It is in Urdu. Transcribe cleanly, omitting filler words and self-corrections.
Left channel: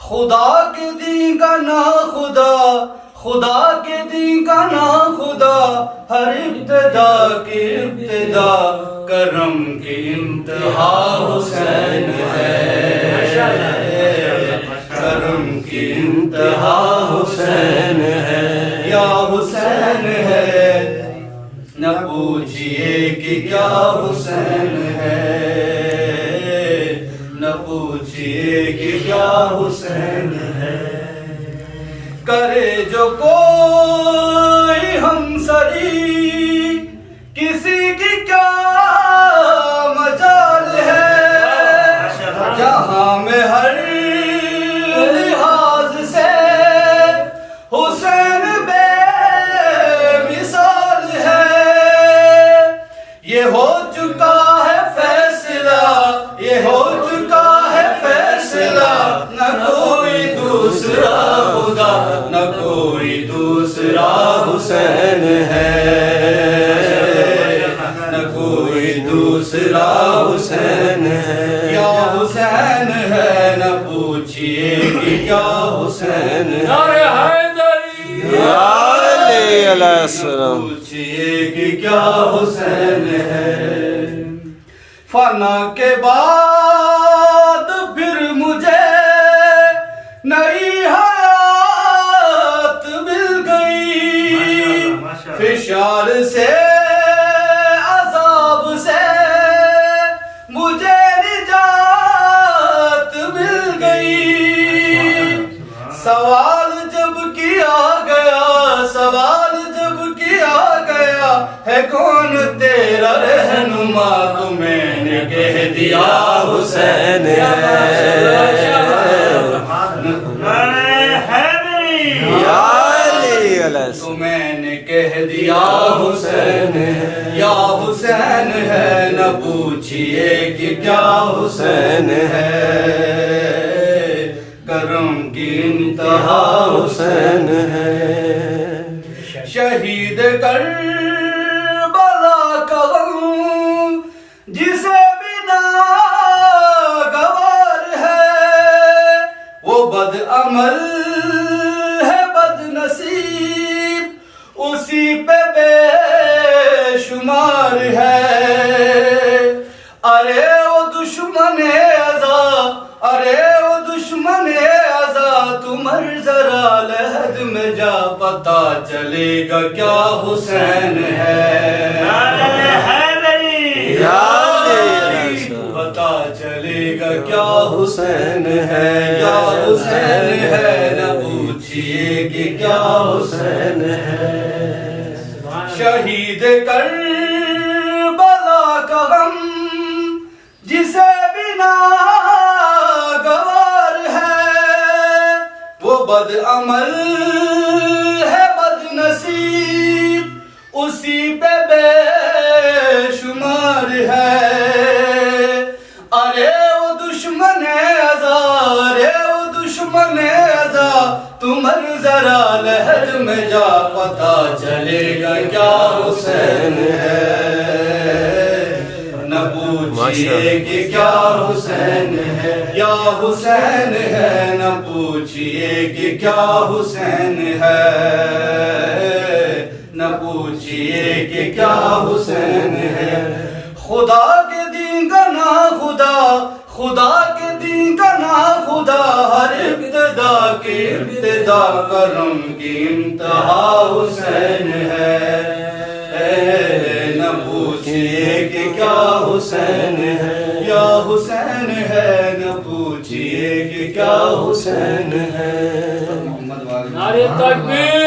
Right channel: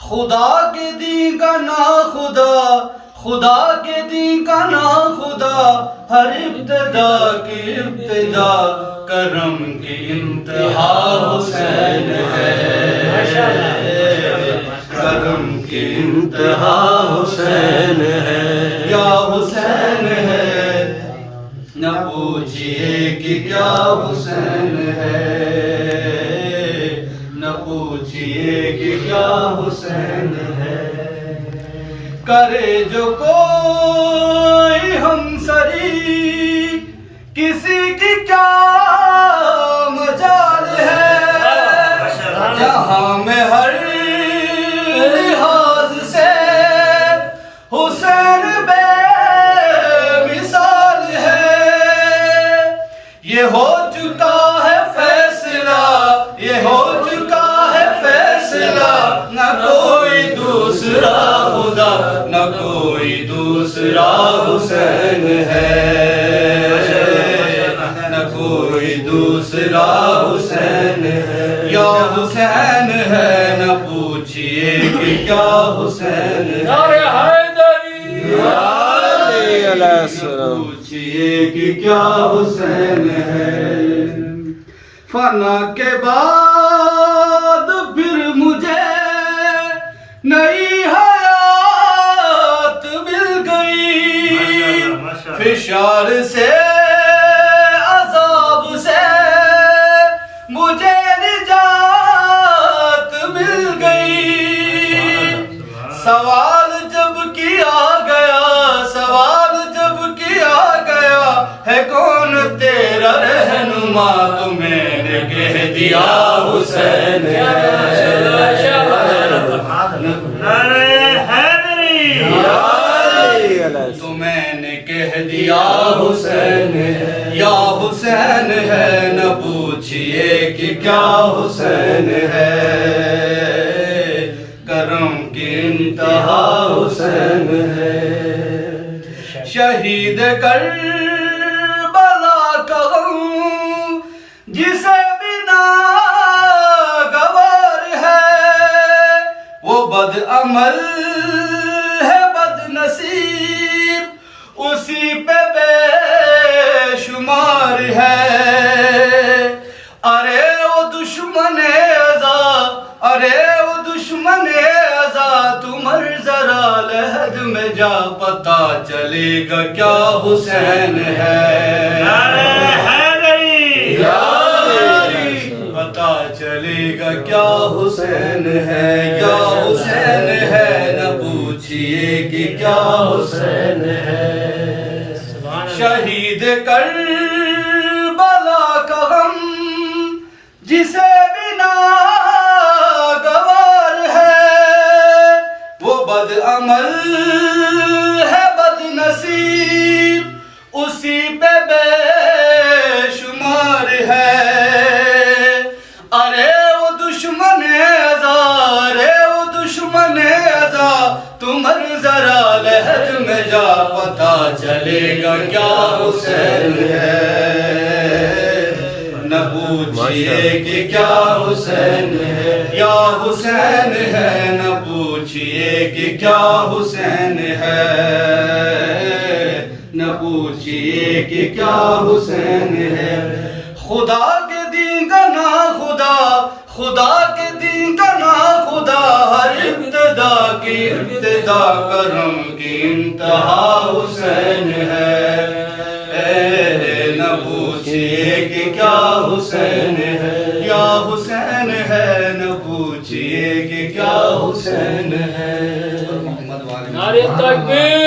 خدا کے دین کا نا خدا، خدا کے دین کا نا خدا، ہر ابتدا کی ابتدا، کرم کی انتہا حسین ہے، کرم کی انتہا حسین ہے، یا حسین ہے، نہ پوچھئے کہ کیا حسین ہے، نہ پوچھئے کہ کیا حسین ہے، کرے جو کوئی ہمسری کسی کی کیا مجال ہے، جہاں میں ہر لحاظ سے حسین بے مثال ہے، یہ ہو چکا ہے فیصلہ، یہ ہو چکا ہے فیصلہ، نہ کوئی دوسرا خدا، نہ کوئی دوسرا حسین ہے، نہ کوئی دوسرا حسین ہے، یا حسین ہے، نہ پوچھئے کہ کیا حسین ہے، پوچھئے کہ کیا حسین ہے، فنا کے بعد پھر مجھے نئی حیات مل گئی، فشار سے عذاب سے مجھے نجات مل گئی، سوال جب کیا گیا، سوال جب کیا گیا ہے کون تیرا رہنما، تو میں نے کہہ دیا حسین ہے، تو میں نے کہہ دیا حسین ہے، یا حسین ہے، نہ پوچھئے کہ کیا حسین ہے، کرم کی انتہا حسین ہے، شہید کربلا کا غم جسے بنا گوار ہے، وہ بد عمل ہے بد نصیب، اسی پہ بے شمار ہے، ارے وہ دشمن ازا، ارے وہ دشمن ازا، تو مر ذرا لحد میں جا، پتا چلے گا کیا حسین ہے، پتا چلے گا کیا حسین ہے، یا حسین ہے، نہ پوچھئے کہ کیا حسین ہے، شہید کربلا کا غم جسے بنا گوار ہے، وہ بد عمل ہے بد نصیب، اسی پہ بے شمار ہے، ارے وہ دشمن ازا، ارے وہ دشمن ازا، تو مر ذرا لحد میں جا، پتا چلے گا کیا حسین ہے، نہ پوچھئے کہ کیا حسین ہے، یا حسین ہے، نہ پوچھئے کہ کیا حسین ہے، نہ پوچھئے کہ کیا حسین ہے، خدا کے دین کا نا خدا، خدا کے دین کا نا خدا، ہر ابتدا کی ابتدا، کرم کی انتہا حسین ہے، نہ پوچھئے کہ کیا حسین ہے، یا حسین ہے، نہ پوچھئے کہ کیا حسین ہے، نعرہ تکبیر۔